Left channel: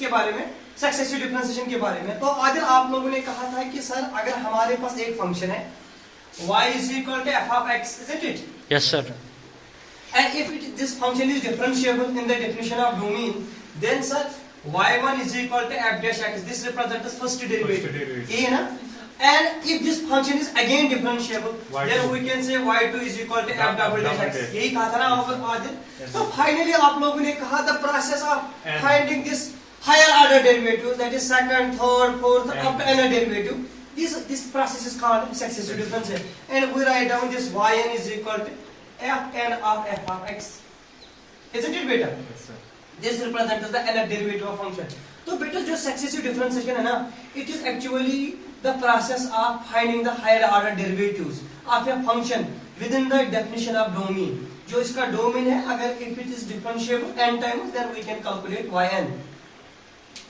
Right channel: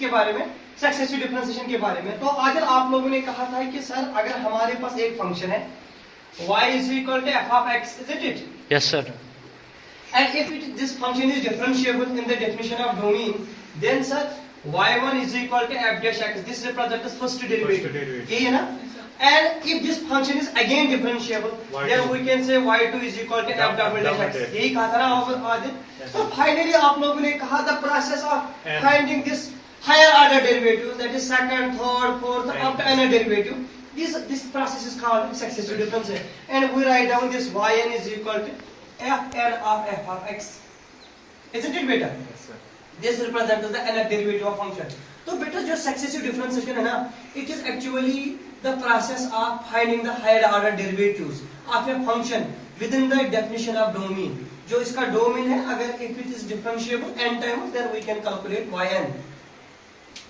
किसके बारे में, सक्सेसिव डिफरेंशिएशन के बारे में। तो आज आप लोगों ने कहा था कि सर अगर हमारे पास एक फंक्शन है y is equal to f of x, isn't it? Yes, sir. And if this function is differentiable in the definition of domain, then sir y1 is equal to f dash x. This represents first derivative. ये है ना? And if this function is again differentiable, then we can say y2 is equal to f double dash x. यही कहा था ना आज। तो finally आप लोगों ने कहा the process of finding this higher order derivative, that is second, third, fourth, up to n derivative. This process is called successive differentiation, and we write down this yn is equal to fn of f of x. Isn't it बेटा? Yes, sir. This represents the nth derivative of function. तो बेटा जो successive differentiation है ना, it is actually the process of finding the higher order derivatives of a function within the definition of domain. जो इसका domain है, अगर if it is differentiable n times, then we can calculate yn.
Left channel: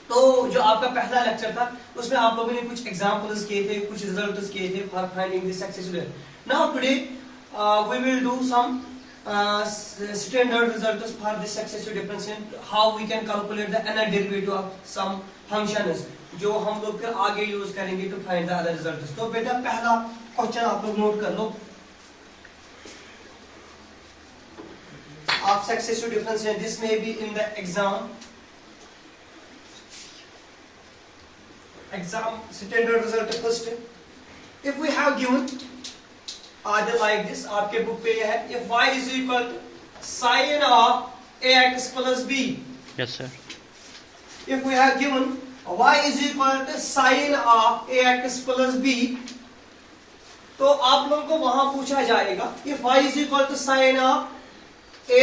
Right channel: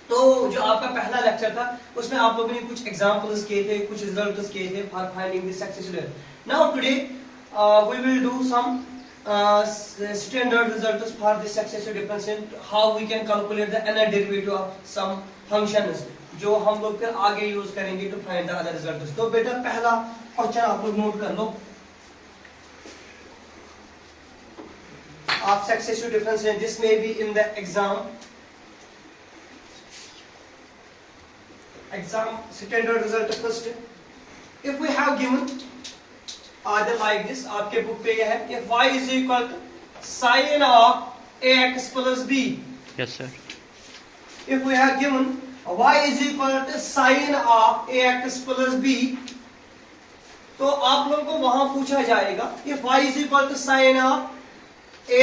तो जो आपका पहला lecture था उसमें आप लोगों ने कुछ एग्जांपल्स किए थे, कुछ रिजल्ट्स किए थे for finding the successive. Now today we will do some standard results for the successive differentiation, how we can calculate the nth derivative of some functions, जो हम लोग फिर आगे यूज करेंगे to find the other results. तो बेटा पहला question आप लोग नोट कर लो of successive differentiation, this may be in the exam standard result first. If we have given either like this, आपके बुक पे है, if y is equal to sin of ax plus b. Yes, sir. If we have given y is equal to sin of ax plus b, तो आप लोगों को वहां पूछा जाएगा if y is equal to sin of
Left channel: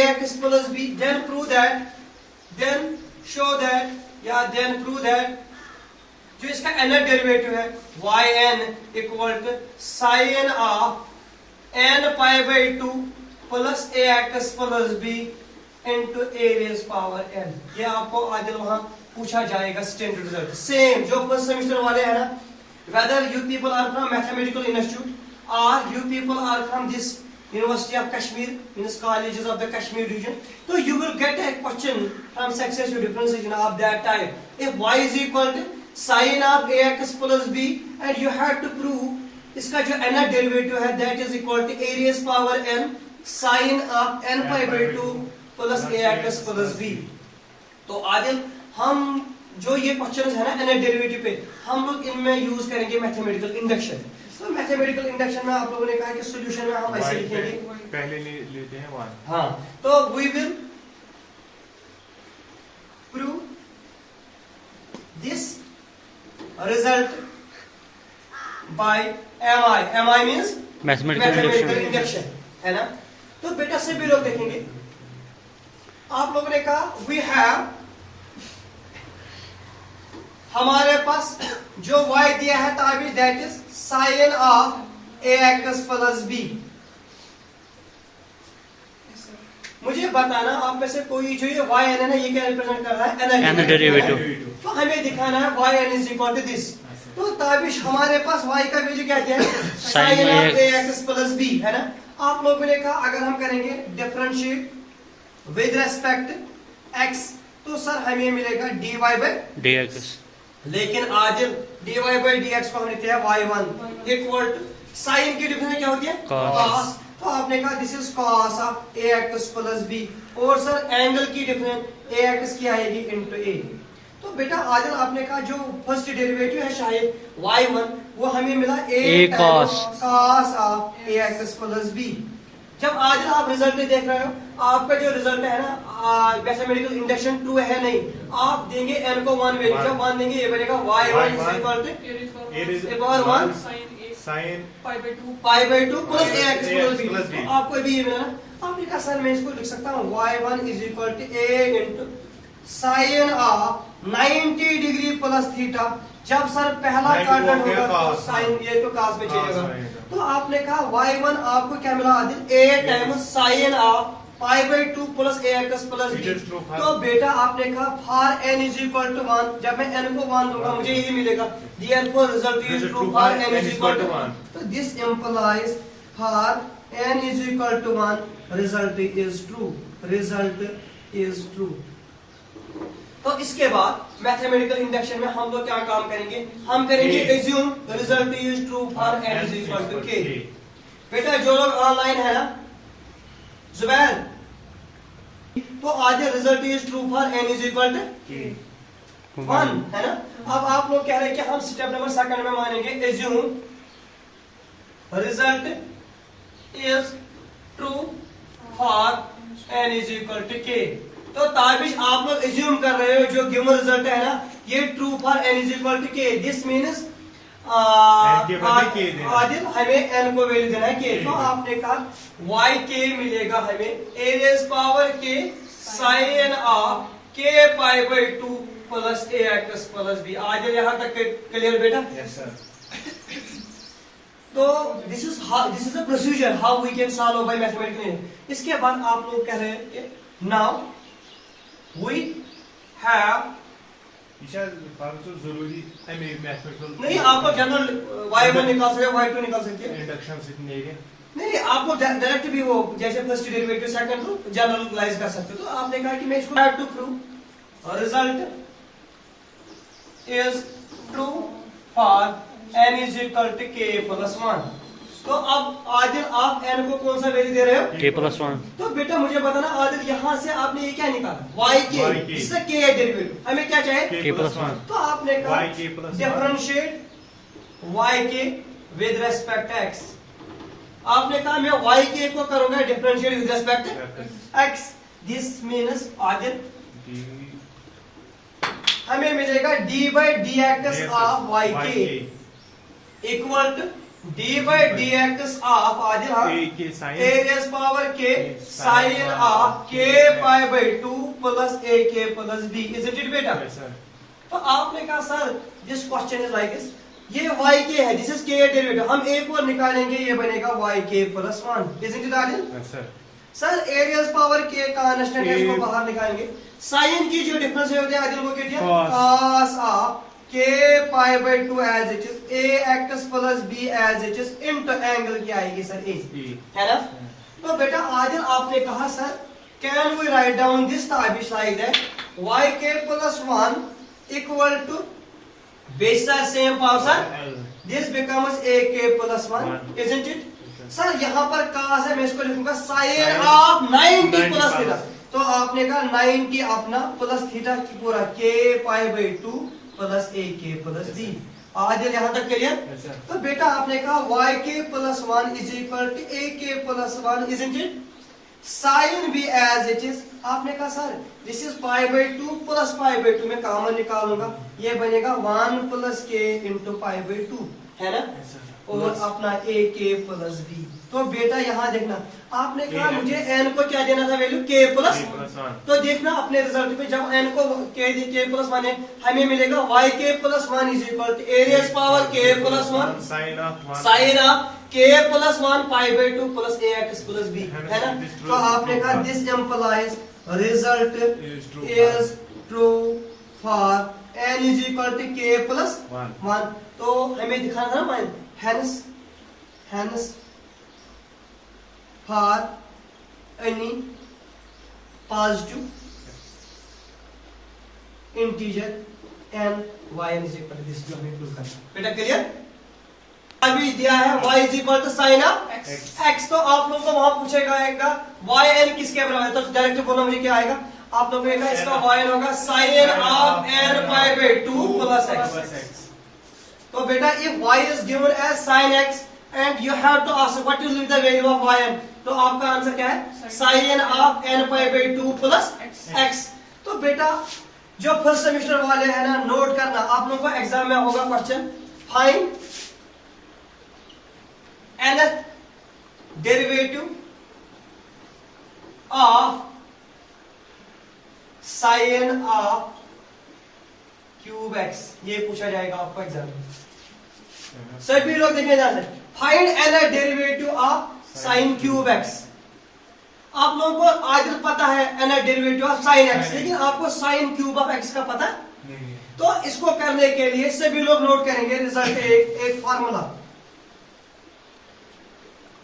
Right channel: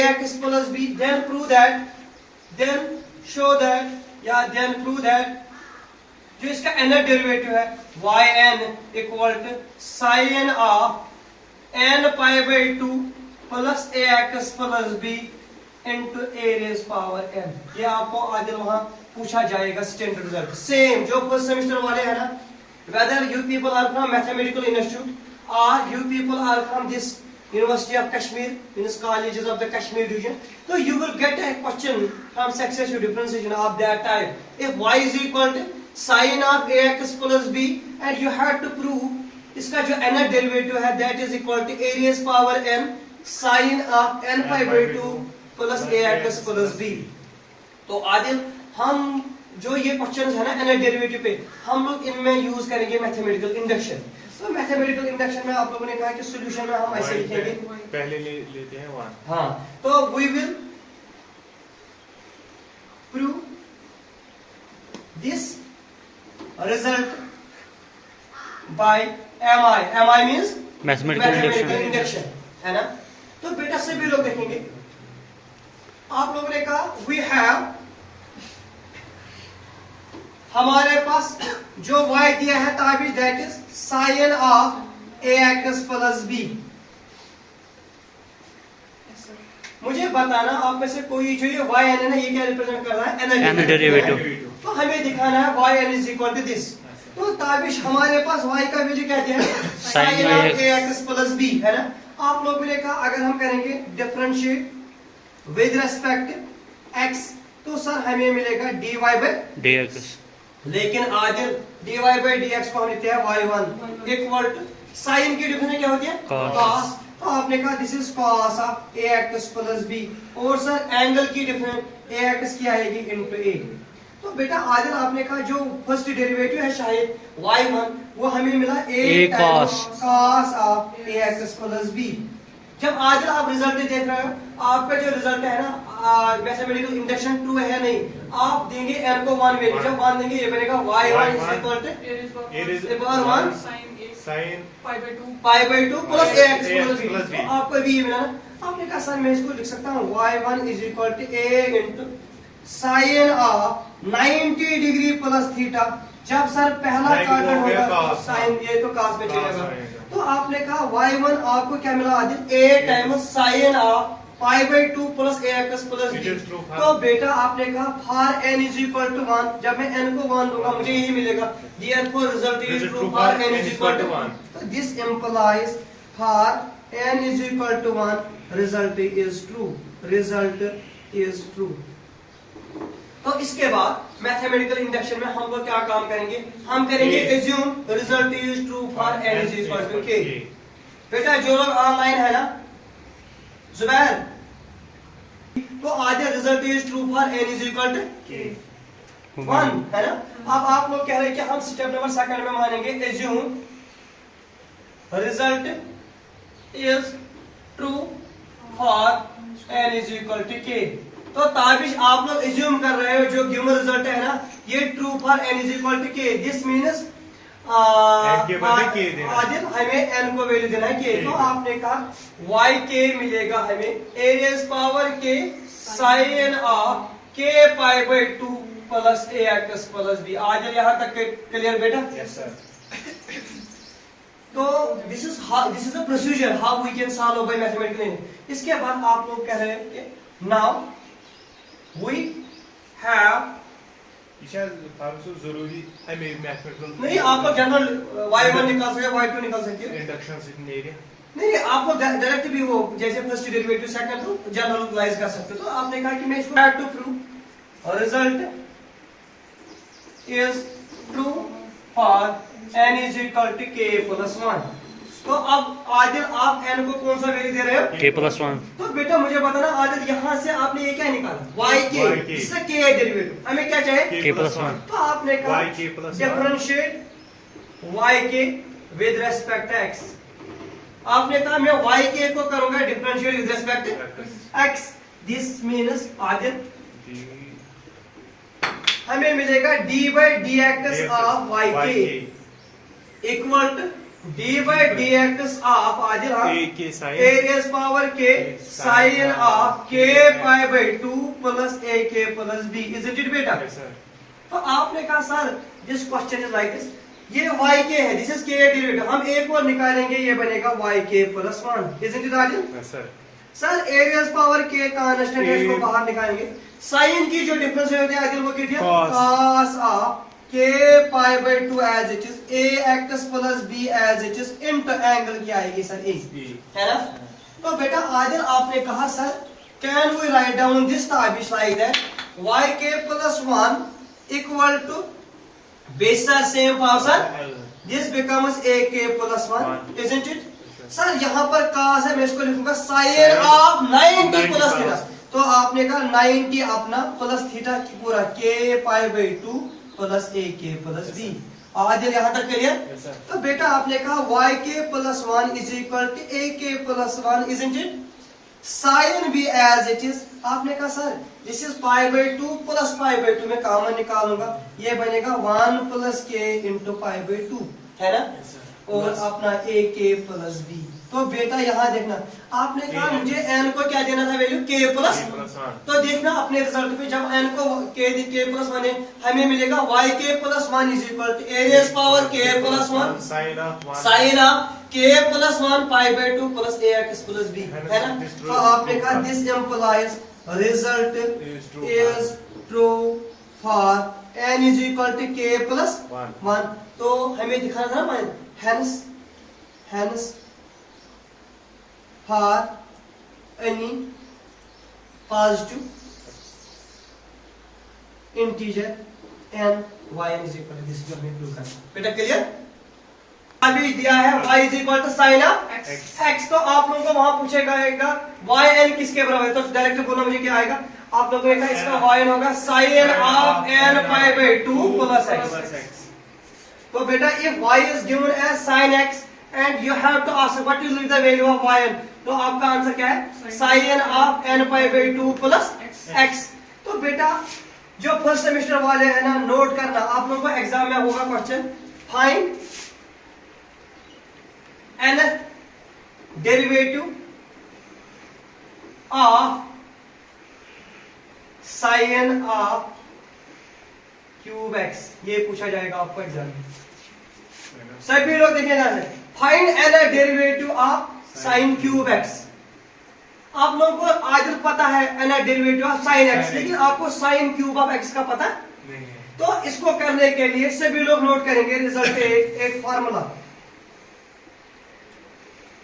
ax plus b, then prove that, then show that, या then prove that जो इसका nth डेरिवेटिव है yn equal to sin of n pi by 2 plus ax plus b into a raise power n। ये आपको आज वहां पूछा जाएगा स्टैंडर्ड रिजल्ट, सेम जो फर्स्ट सेमेस्टर वाले है ना, whether you people are from mathematical institute or you people are from this University of Kashmir, in its colleges of the Kashmir region, so you will get a question from successive differentiation of that type. If y is equal to sin of ax plus b, and you have to prove इसका जो nth derivative है that is equal to a raised power n sin of n pi by 2 plus ax plus b. तो आज हम जो ये questions है ना nth डेरिवेटिव पे, हम लोग इनमें यूज करेंगे मैथमेटिकल इंडक्शन। तो मैथमेटिकल इंडक्शन में आप लोगों ने कहा कि सॉल्यूशन में हम ऐसे लिखेंगे, पहले लेते हैं वहां। हाँ, तो we will prove this result by MI. MI means mathematical induction, है ना। तो बेटा सभी लोग देखेंगे, आप लोगों ने कहा वी हैव, हमारे पास जो y दिया है ताबिज that is sin of ax plus b। मुझे बताना आप में से कोई जो ये y n है ना, ये क्या रिप्रेजेंट कर रहा है, n डेरिवेटिव। तो हमें दिखाना है y n is equal to this. तो ताबिश हमारे पास y का वैल्यू क्या दिया है, sin of ax plus b, है ना। आप लोगों ने कहा अगर हम करेंगे डिफरेंशिएट विद रेस्पेक्ट x, तो सर हमें मिलेगा dy बाय dx। लेकिन आज dy बाई dx को हम लिखते हैं y1 इक्वल टू साइन की डिफरेंस क्या होती है, cos। तो आपने कहा this is cos of ax plus b, और सर एंगल की डिफरेंस ax की आएगी इनटू a। तो बेटा आज आपने कहा जो फर्स्ट डेरिवेटिव है शायद y1, वो हमें मिला a cos of ax plus b। जब आज आप रिजल्ट देख रहे हो, आपका जो रिजल्ट है ना मैथमेटिकल इंडक्शन ट्रू है नहीं, आप देंगे n को 1 वैल्यू, जब 1 देंगे ये बनेगा y1 is equal to a power 1 sin pi by 2 plus ax plus b। तो आपको भी ये मिला ना, आपने कहा सर मैं इसको लिख सकता हूँ y1 is equal to a into sine of 90 degree plus theta. जब सर पहला क्वाड्रेंट होगा तो साइन, ये तो cos में चलेगा। तो आपने कहा y1 आपको क्या मिला Adil, a times sine of pi by 2 plus ax plus b। तो बेटा आपने कहा for n is equal to 1, जब मैं n को 1 दूंगा मुझे यही मिलेगा, therefore result is true for n is equal to 1। तो this implies for n is equal to 1 result is true, result is true. तो इसके बाद मैथमेटिकल इंडक्शन में हम लोग क्या काम करेंगे, हम करेंगे assume result is true for n is equal to k। बेटा जो लोग ऑनलाइन है ना, जुबैर, तो आज result is true for n is equal to 1 है ना। अब आप लोग कह रहे हैं कि हम स्टेप नंबर सेकंड में मानेंगे assume result is true for n is equal to k। तो ताबिश आप लोग एज्यूम कर रहे हो जो गिवन रिजल्ट है ना, ये true for n is equal to k। This means Adil हमें n को वैल्यू देना है k। तो आपने कहा yk मिलेगा हमें a raise power k sine of k pi by 2 plus ax plus b। Adil यहाँ तक क्लियर बेटा? Yes sir. तो this is the procedure how we can solve by mathematical. इसके बाद आप लोग कह रहे हैं नाउ वी हैव जरूरी नहीं, आप लोग जनरल y1 निकाल सकते हो, y2 निकाल सकते हो। इंडक्शन सीखने एरिया नहीं, आप लोग डायरेक्ट भी हो, जैसे फर्स्ट डेरिवेटिव सेकंड तो जनरलाइज कर सकते हो। तो आपने कहा कि मैं इसको have to prove result is true for n is equal to k plus 1। तो अब आदिल आप n को कौन सा वैल्यू दे रहे हो? k plus 1। तो बेटा मुझे बताना आदिल, यहाँ से आपने ये क्या निकाला yk, इससे k है डेरिवेटिव, हमें क्या चाहिए? k plus 1। तो आपने कहा differentiate yk with respect x। आपने कहा मैं yk को करूंगा differentiate with respect x। This means Adil हमें मिलेगा d by d x of yk equal to d by d x of Adil a raise power k sine of k pi by 2 plus ak plus b। Isn't it बेटा? तो आपने कहा sir this question is like this, ये yk है, this is k derivative, हम a को निकालेंगे, ये बनेगा yk plus 1। Isn't it Adil? Sir a raise power k constant है, इसको बाहर निकालेंगे। साइन की जो डिफरेंस होती है आदिल वो क्या है? cos of k pi by 2 as it is ax plus b as it is into angle की आएगी सर a, है ना। तो बेटा आदिल आपने कहा sir can we write down this Tabish like that yk plus 1 equal to base same power sir, this becomes ak plus 1। Isn't it? Sir यहाँ पर cos है, मैं इसको लिखूंगा साइन ऑफ 90 प्लस थीटा। तो आपने कहा 90 अपना प्लस थीटा की पूरा k pi by 2 plus ak plus b। Adil यहाँ तक क्लियर? तो बेटा आपने कहा yk plus 1 is equal to ak plus 1। Isn't it? Sine भी एज इट इज, आपने कहा sir this is pi by 2 plus pi by 2, मैं कॉमन निकालूंगा, ये बनेगा 1 plus k into pi by 2, है ना। और अपना ak प्लस b। तो बेटा यहाँ देखना, आपने कहा मुझे n को क्या देना था वैल्यू? k plus 1। तो देखना अपने रिजल्ट में जब n को k प्लस 1 है, हमें मिलेगा yk plus 1 is equal to a raise power k plus 1 sine of k plus 1 pi by 2 plus ax plus b, है ना। तो आपने कहा this implies result is true for n is equal to k plus 1। तो हमें दिखाना था ना, hence for any positive integer n y is equal to this, बेटा क्लियर? अभी दिया है y is equal to sin of x। तो आप लोगों को वहां पूछेगा yn किसके बराबर है, तो डायरेक्ट बोलो मुझे क्या आएगा। आप लोगों ने कहा इसका yn होगा sin of n pi by 2 plus x। तो बेटा if y is given as sin x and you have to ask what will be the value of yn, तो आपका आंसर क्या है? sin of n pi by 2 plus x। तो बेटा जो first semester वाले हैं ना, नोट करना, आप लोगों को एग्जाम में होगा question, find nth derivative of sin of cube x, ये पूछा जाएगा आपको एग्जाम में। सभी लोग देखने जाते हैं, find nth derivative of sin cube x। आप लोगों को आज पता है nth derivative of sin x, लेकिन आपको sin क्यूब ऑफ x का पता है? तो इसको करने के लिए सभी लोग नोट करेंगे रिजल्ट एक फार्मूला।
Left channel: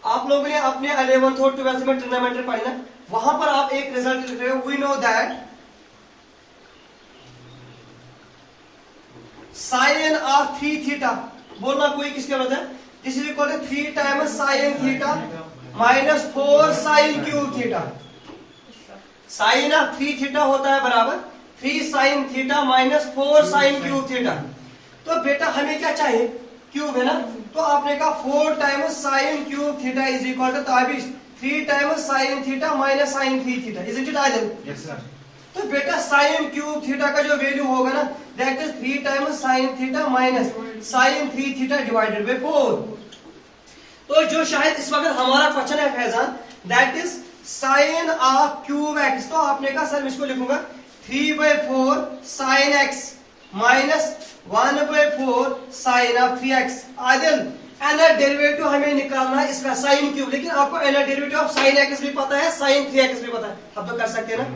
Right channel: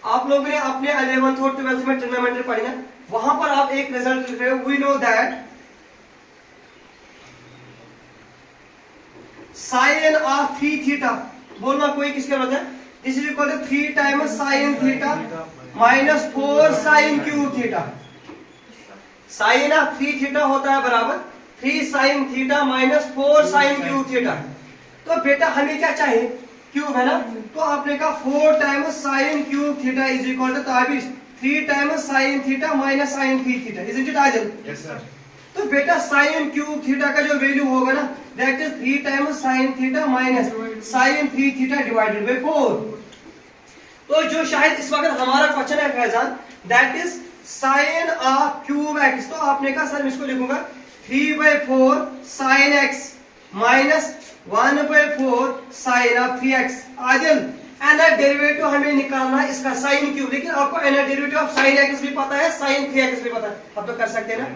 आप लोगों ने अपने 11th और 12th में ट्रिग्नोमेट्री पढ़ी ना, वहां पर आप एक रिजल्ट लिख रहे हो, we know that sine of 3 theta, बोलना कोई किसके बदले, this is equal to 3 times sine theta minus 4 sine cube theta. Sine of 3 theta होता है बराबर 3 sine theta minus 4 sine cube theta. तो बेटा हमें क्या चाहिए, क्यूब है ना, तो आपने कहा 4 times sine cube theta is equal to 3 times sine theta minus sine 3 theta, isn't it Adil? Yes sir. तो बेटा साइन क्यूब थीटा का जो वैल्यू होगा ना, that is 3 times sine theta minus sine 3 theta divided by 4। तो जो शायद इस वक्त हमारा क्वेश्चन है Faizan, that is sine of cube x. तो आपने कहा सर मैं इसको लिखूंगा 3/4 sine x minus 1/4 sine of 3x। Adil nth derivative हमें निकालना है इसका साइन क्यूब, लेकिन आपको nth derivative of sine x भी पता है, साइन 3x भी पता है, आप तो कर सकते हैं ना।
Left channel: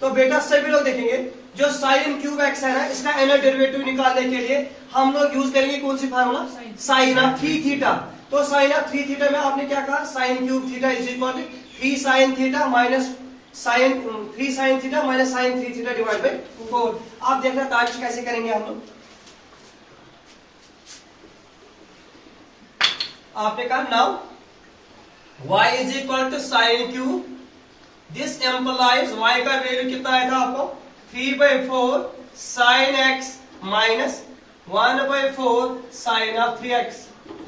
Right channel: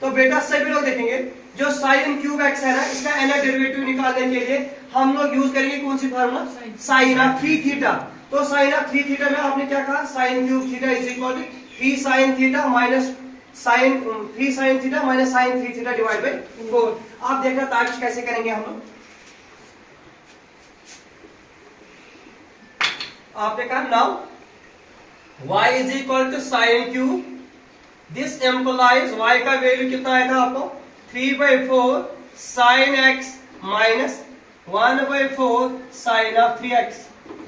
तो बेटा सभी लोग देखेंगे जो साइन क्यूब एक्स है ना, इसका एनर डेरिवेटिव निकालने के लिए हम लोग यूज करेंगे कौन सी फार्मूला, साइन ऑफ 3 थीटा। तो साइन ऑफ 3 थीटा में आपने क्या कहा, sine cube theta is equal to 3 sine theta minus sine 3 sine theta minus sine 3 theta divide by 4। आप देखना ताकि कैसे करेंगे हम लोग। आपने कहा now y is equal to sine cube, this implies y का वैल्यू कितना आया था आपको 3/4 sine x minus 1/4 sine of 3x,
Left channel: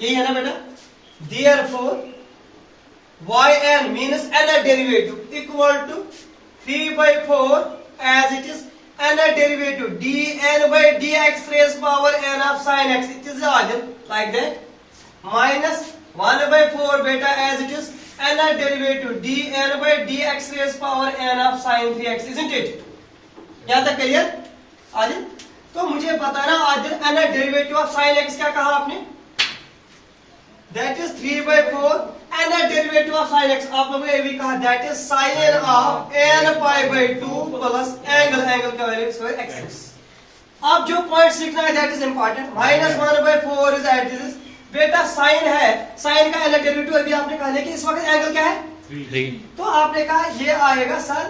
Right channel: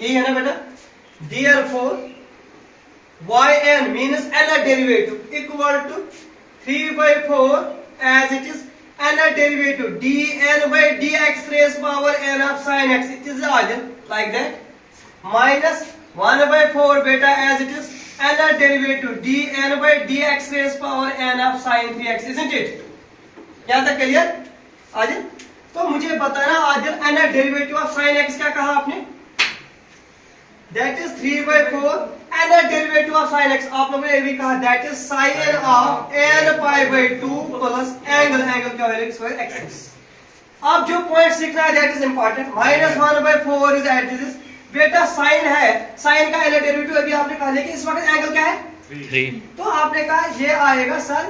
यही है ना बेटा। Therefore yn means nth derivative equal to 3/4 as it is nth derivative dn by dx raised power n of sin x, it is like that, minus 1/4 beta as it is nth derivative dn by dx raised power n of sin 3x, isn't it? क्या तक clear Adil? तो मुझे बताना Adil nth derivative of sin x क्या कहा आपने, that is 3/4 nth derivative of sin x आप लोगों ने ये भी कहा that is sin of n pi by 2 plus angle क्या वैल्यू x। अब जो पॉइंट सीखना है that is important, minus 1/4 is at this, बेटा साइन है, साइन का nth डेरिवेटिव अभी आपने कहा, लेकिन इस वक्त एंगल क्या है 3। तो आपने कहा ये आएगा sir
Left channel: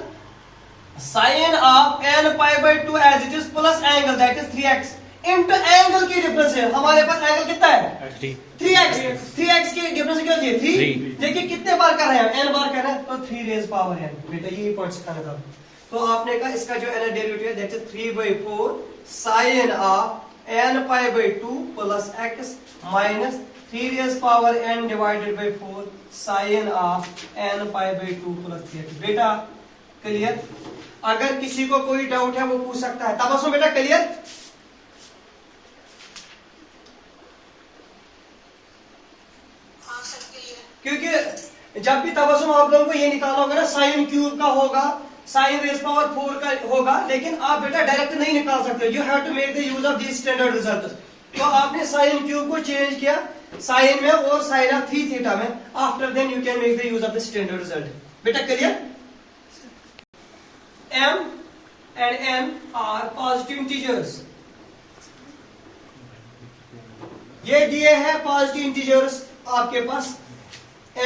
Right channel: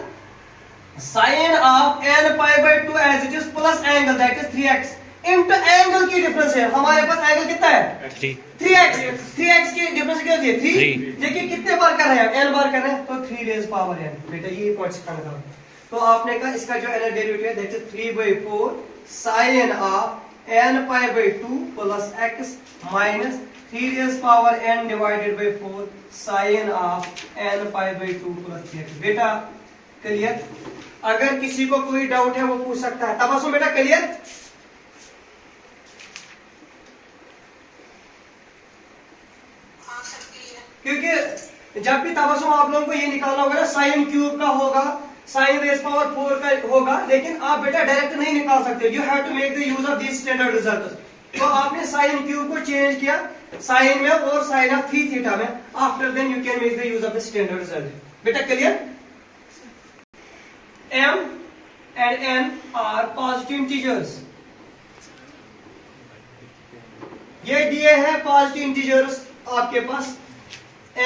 sine of n pi by 2 as it is plus angle that is 3x into angle की डिफरेंस है, हमारे पास एंगल कितना है 3x की डिफरेंस क्या होती है 3, लेकिन कितने बार कर रहे हैं n बार कर रहे हैं, तो 3 रेज पावर n। बेटा ये पॉइंट सिखाना था। तो आपने कहा इसका जो nth डेरिवेटिव है that is 3/4 sine of n pi by 2 plus x minus 3 raise power n divided by 4 sine of n pi by 2 plus 3x। बेटा क्लियर? अगर किसी को कोई डाउट है वो पूछ सकता है। तबस्सुम बेटा क्लियर? क्योंकि जब भी तबस्सुम आप लोगों को ये निकालना होगा ना, साइन क्यूब का होगा, साइन रेज पावर 4 का होगा, लेकिन आप बेटा डायरेक्ट नहीं निकाल सकते, you have to make the use of this standard result. तो आपने साइन क्यूब को चेंज किया साइन में और साइन ऑफ 3 थीटा में, after then you can make the use of the standard result. बेटा clear? m and n are positive integers, ये दिए हैं पॉजिटिव इंटीजर्स आपके पास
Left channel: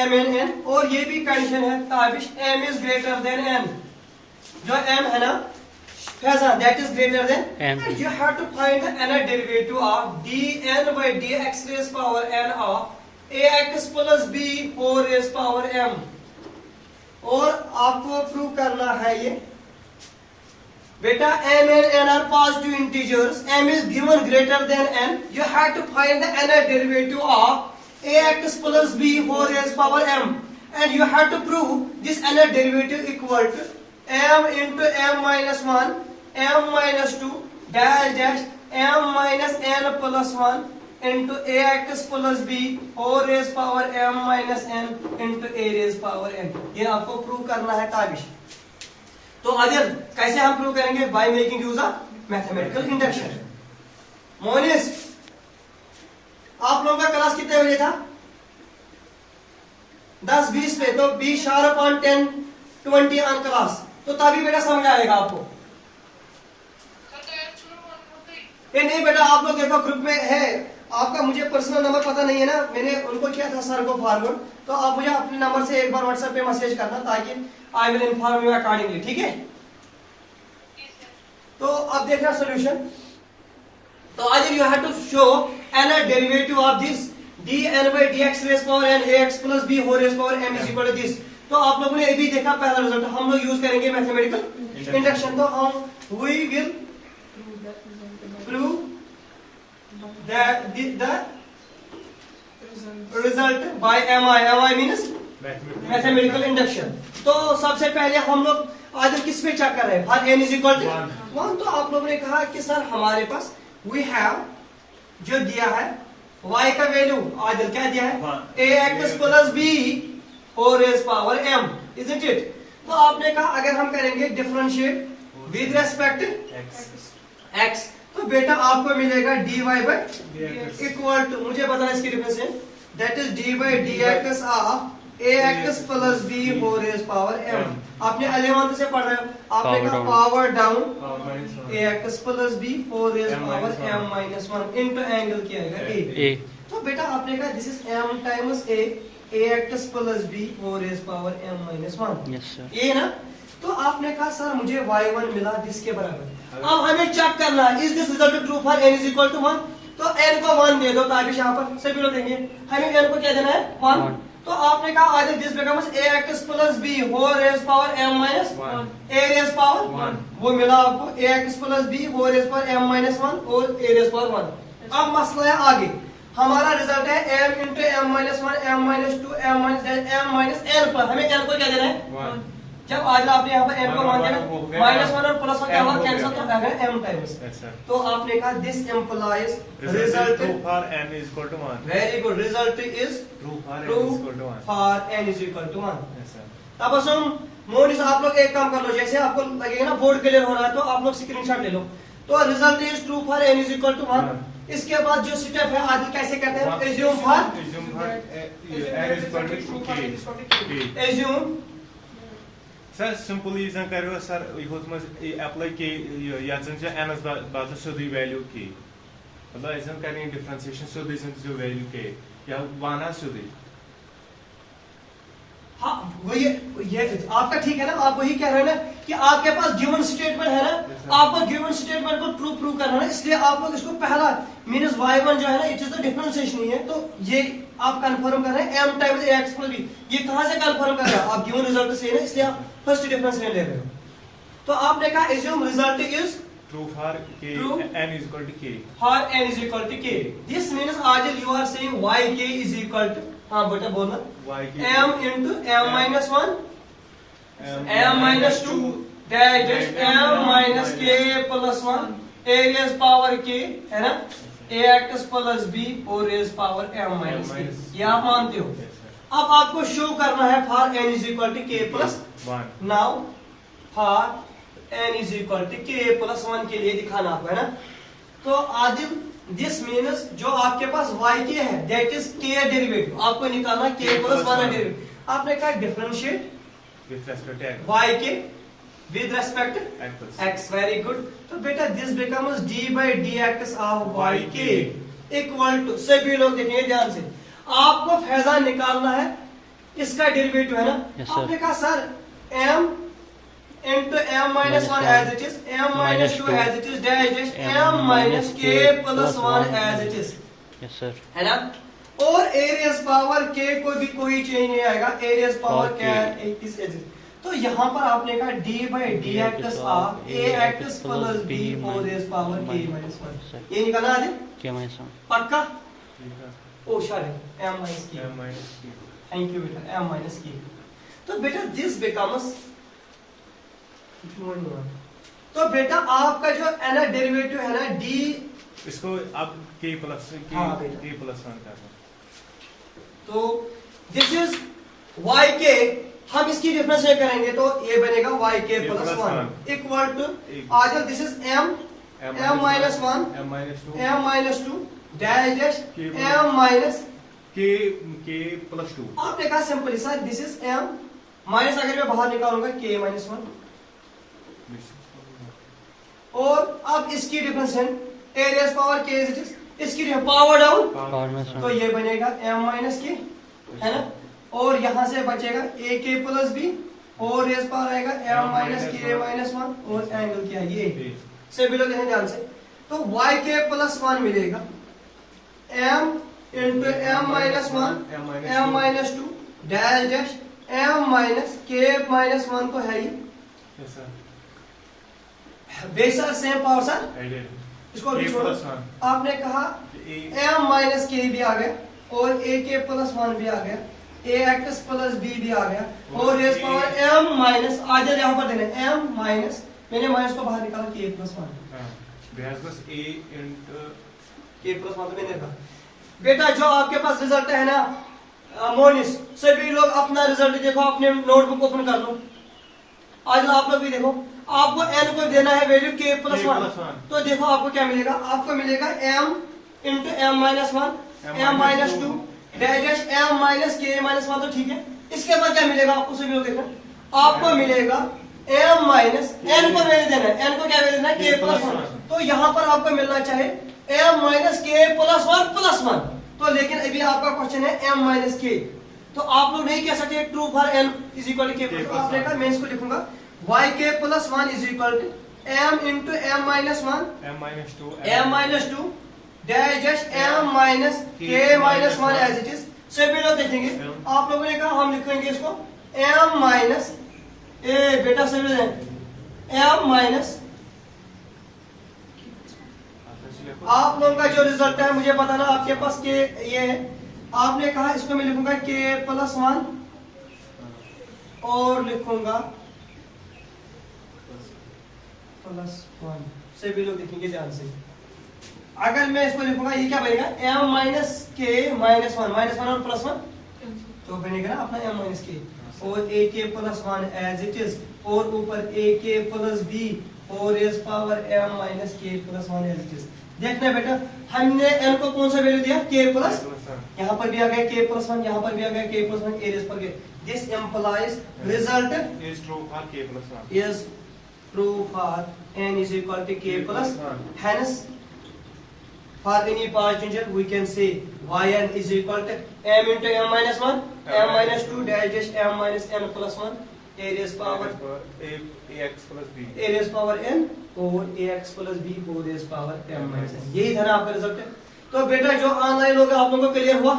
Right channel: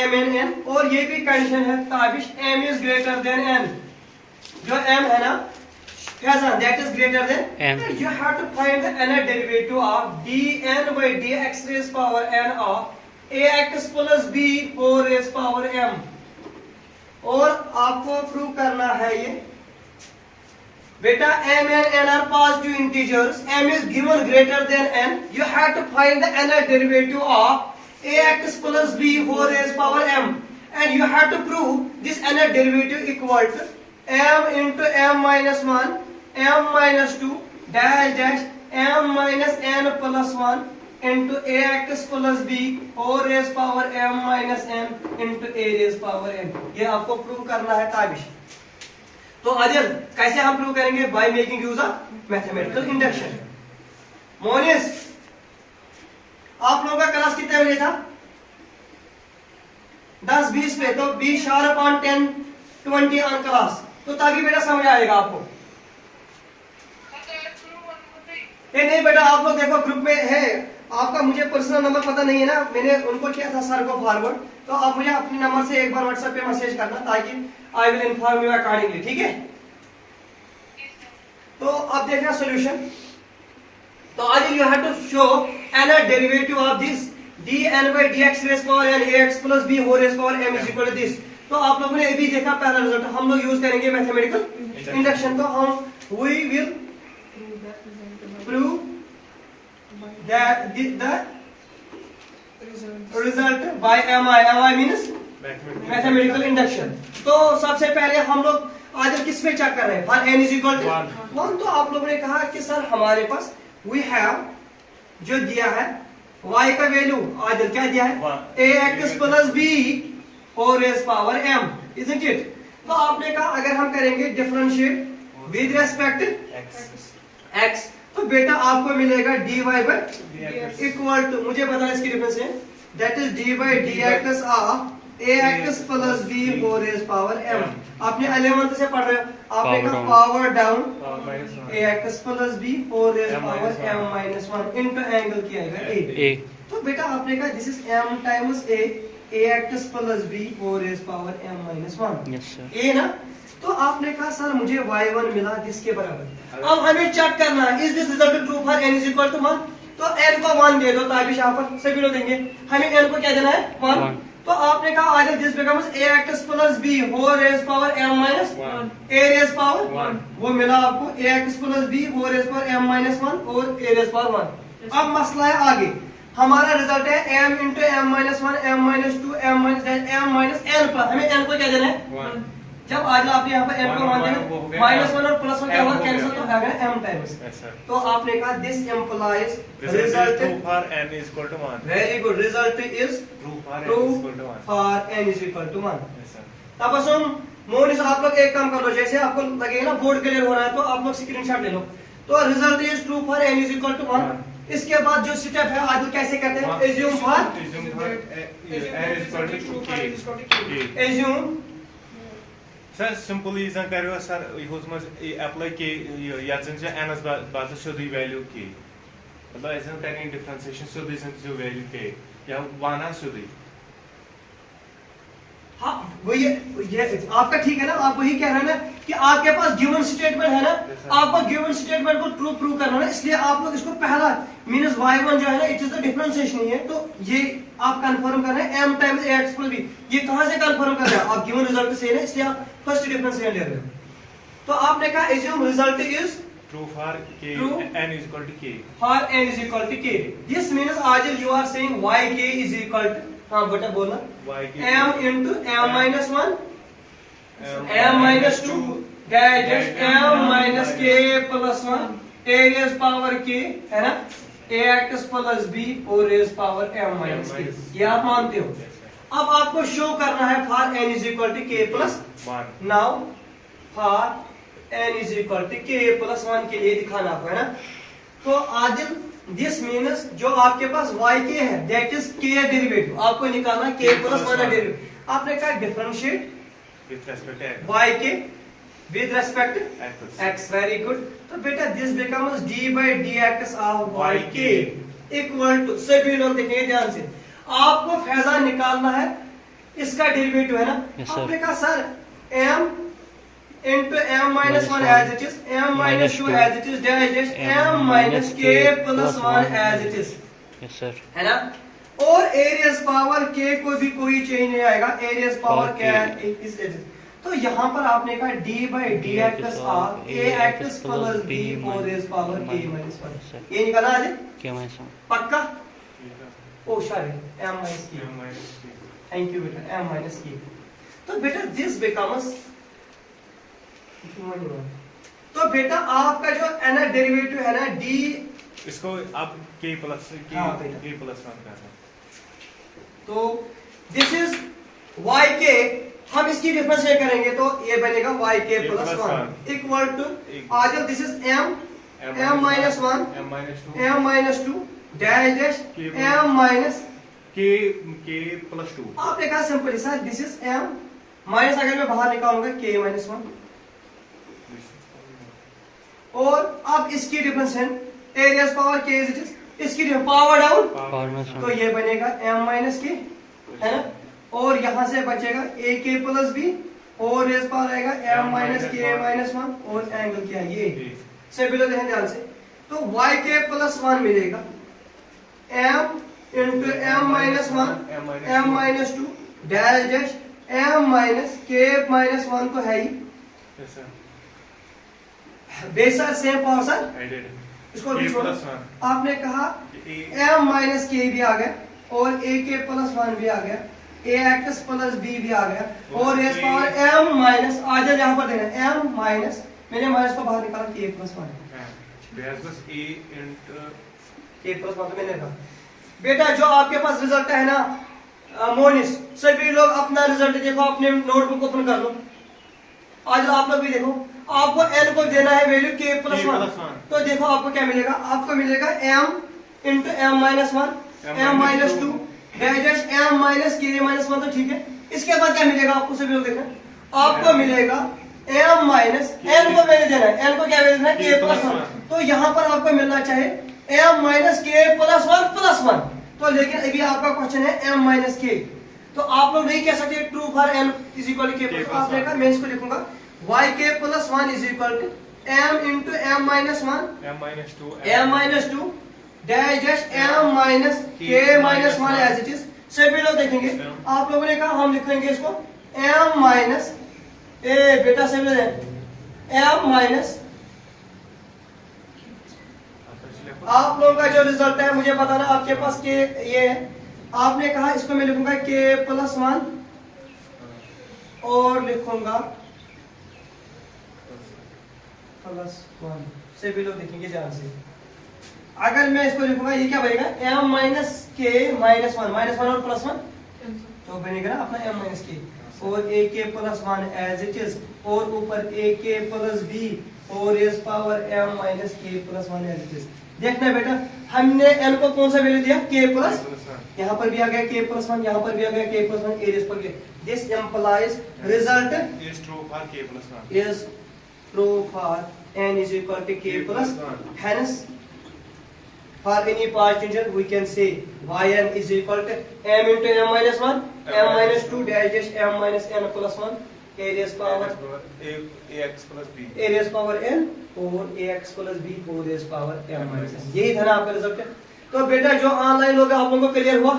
m and n, और ये भी कंडीशन है Tabish m is greater than n, जो m है ना Faizan that is greater than m, you have to find the nth derivative of dn by dx raised power n of ax plus b 4 raised power m, और आपको prove करना है ये बेटा m and n are positive integers, m is given greater than n, you have to find the nth derivative of ax plus b whole raised power m, and you have to prove this nth derivative equal to m into m minus 1 m minus 2 dash dash m minus n plus 1 into ax plus b whole raised power m minus n into a raised power n। ये आपको prove करना है ताबिश। तो आदिल कैसे हम prove करेंगे, by making use of mathematical induction. Monis आप लोगों का क्लास कितने बजे था 10-20 पे, तो 20 शार्प ऑन 10-20 ऑन क्लास, तो तभी बेटा समझ आएगा आपको। नहीं बेटा आप लोग देखो ग्रुप में है आपका, मुझे पर्सनल नंबर पता नहीं है ना, मैंने उनको किया था सर को फॉरवर्ड, तो आप मुझे अपने नंबर से एक बार व्हाट्सएप पे मैसेज करना ताकि I will inform you accordingly, ठीक है? तो अब देखना सॉल्यूशन, तो आज you have to show n derivative of this dn by dx रेज power n ax plus b whole raise power m is equal to this. तो आप लोगों ने अभी देखा पहला रिजल्ट, हम लोग यूज करेंगे मैथमेटिकल इंडक्शन। तो हम we will prove that the result by mi means mathematical induction. तो सबसे पहले हम लोग आज किस पे चेक कर रहे हैं, for n is equal to 1। तो आप लोगों ने कहा कि सर हमारे पास वी हैव जो दिया है y का वैल्यू आज क्या दिया है ax plus b whole raise power m, isn't it. तो आपने कहा अगर हम करेंगे डिफरेंशिएट विद रेस्पेक्ट x तो बेटा आपको मिलेगा dy बाय इक्वल टू, मुझे बताना इसकी डिफरेंस है, that is dy by dx of ax plus b whole raise power m। आपने 11th से पढ़ रहे हो, आपने कहा power down ax plus b whole raise power m minus 1 into angle क्या आएगा a। तो बेटा आपने कहा this is m times a ax plus b whole raise power m minus 1 a ना। तो आपने कहा सर मुझे y1 मिला किसके बराबर। अब हमें चेक करना है is this result true for n is equal to 1। तो n को 1 दे दो, ताबिश यहाँ पर सभी लोग देंगे, हमें n को क्या देना है 1। तो आपने कहा either this becomes ax plus b whole raise power m minus a raise power 1, वो मिला आपको ax plus b whole raise power m minus 1 और a रेज पावर 1। अब मसला है आगे, हमारा रिजल्ट है m into m minus 1 m minus 2 m minus n पर हमें n को क्या देना है 1। जब आज आपने यहाँ पर m को 1 देना, माइनस 1 और प्लस 1 क्या होगा कैंसिल, तो आ गया m टाइम्स। तो आपने कहा this implies result for n is equal to 1। Very good, result is true for n is equal to 1। तब असम मोनिस आप लोग एक काम कर लो, जैसे आपको लगेगा ना बोर्ड क्लियर हो रहा है तो आप लोग स्क्रीनशॉट ले लो। तो result is true for n is equal to 1। इसके बाद जो स्टेप है आगे कैसे करते हैं, assume for assume sir simple इजन करो सर यह अप्लाई के यन से n बदल सोदी वैल्यू के मतलब इजन करेंगे डिफरेंशिएशन सोदी जो वैल्यू के या वाना सोदी। हाँ वही ये आपका ठीक है ना, आप वही कह रहे हैं ना कि आपके पास गिवन स्टेटमेंट है ना, आपको गिवन स्टेटमेंट को ट्रू प्रूव करना है, इसलिए आप लोग इसको पहला मींस y1 जो है ना इट इज द डिफरेंशिएशन ही है। तो ये आप कंफर्म कर रहे हैं m times ax plus b, ये कहां से कंफर्म कर रहे हैं आप गिवन रिजल्ट से है ना, इसलिए आप फर्स्ट डिफरेंशिएशन ले रहे हो। तो आपने कहा assume result is true for k n is equal to k for n is equal to k। This means आज you are saying yk is equal to, हाँ बेटा बोलना, m into m minus 1 m minus 2 that is m minus k plus 1 a raise power k है ना, ax plus b और raise power m minus k, ये आप मानते हो। अब आपको शो करना है for n is equal to k plus 1। Now for n is equal to k plus 1 के लिए दिखाना आपको है ना। तो आदिल दिस मीन्स जो आपके पास yk है दैट इज k डेरिवेटिव, आपको निकालना k प्लस 1 डेरिवेटिव। आपने कहा differentiate with respect yk with respect x, very good. तो बेटा this becomes d by dx of yk equal to, सभी लोग देखिए ध्यान से, आपको फैजान निकालना है इसका डेरिवेटिव है ना। आपने कहा sir m into m minus 1 as it is, m minus 2 as it is, dash dash m minus k plus 1 as it is, yes sir, है ना। और a raised power k को भी कोई चेंज नहीं आएगा, a raised power क्या इस तो यहाँ पर आपने कहा d by dx of ax plus b whole raised power k minus 1, ये निकाला आज k minus 1 पक्का। Oh sorry m minus k, thank you बेटा, m minus k। तो बेटा दिस बिकम्स, तो बेटा आपका जो है ना डेरिवेटिव है ना d, इसको अब k प्लस k प्लस 1 करना। तो दिस इज yk, हम इसकी डिफरेंशिएट करेंगे तो ये बनेगा yk प्लस 1 इक्वल टू आज this is m minus 1 m minus 2 dash dash m minus k plus 2। आपने कहा simply sir this is m minus, अगर मैं बाहर निकालूंगा k माइनस 1, और अब इसकी डिफरेंस है a raise power k is it is, इसकी पावर डाउन तो ये बनेगा m माइनस k है ना, और यहां से बचेगा a k प्लस b और रेज पावर आएगा m माइनस k माइनस 1 और एंगल क्या है ये से बिलो देखें ध्यान से। तो y के प्लस 1 मिलेगा m into m minus 1 m minus 2 dash dash m minus k minus 1 तो है ही Yes, sir. बेसर same power sir I did. इसको K भी छोड़ो। plus 1. आपने कहा A. m माइनस के भी आ गया और a के प्लस 1 भी आ गया a एक्स प्लस b भी आ गया और रेस पावर m माइनस आज यहाँ पर देना m माइनस मैंने माइनस को बाहर निकाला k plus 1 There's was A into k plus 1 तो मैंने कहा बेटा जो आपके पास रिजल्ट है ना मोनिस सभी लोग अपना रिजल्ट देखो अपने नोटबुक ओपन कर लो आज आप लोग भी देखो आपको n को देना है value k plus K 1 plus 1. तो देखो आपको क्या मिलेगा आपको मिलेगा m into m minus 1 m minus 2 dash m minus k minus 1 तो ठीक है इसके बाद क्या मिलेगा आपको सभी लोग देखना आपको मिलेगा m माइनस n को वैल्यू देना है n को क्या वैल्यू देना है k प्लस 1 तो यहाँ पर आपको मिलना चाहिए m माइनस k प्लस 1 तो लेकिन अभी आपका क्वेश्चन है m माइनस k तो आप लोग नहीं कह सकते true for n is equal to k plus आपने कहा मैं इसको लिखूंगा y k plus 1 is equal to m into m minus 1 M minus 2. m minus 2 dash dash m minus k minus 1 as it is सभी लोग देखेंगे आप लोगों ने कहा हम लिखेंगे इसको m माइनस ए बेटा सभी लोग m माइनस आप लोगों का जो रिजल्ट है मुझे बताना आपके पास के ये है आपने कहा इसको मैं लिखूंगा k प्लस 1 और लिखूंगा प्लस 1 सभी लोग देखेंगे ध्यान से अगर मैं इसको लिखूंगा ये क्या बनेगा m माइनस k माइनस 1 और प्लस 1 तो बनेगा ना अपना m माइनस k और a k plus 1 as it is और ऊपर a k प्लस b और raise power m minus k plus 1 as it is देखना बेटा हमने n को कौन सा वैल्यू दिया k प्लस यहाँ पर भी आ गया k प्लस 1 यहाँ पर भी आ गया k प्लस 1 a रेज पर this implies result Is true for K plus 1. is true for n is equal to k plus 1. hence for any part integer we can say yn is equal to m into m minus 1 m minus 2 dash dash m minus n plus 1 a raised power AX plus B. a raised power n और ax plus b whole raised power m minus n यही था ना आपका result है तो बेटा जो online होगा आप लोगों को क्लियर हुआ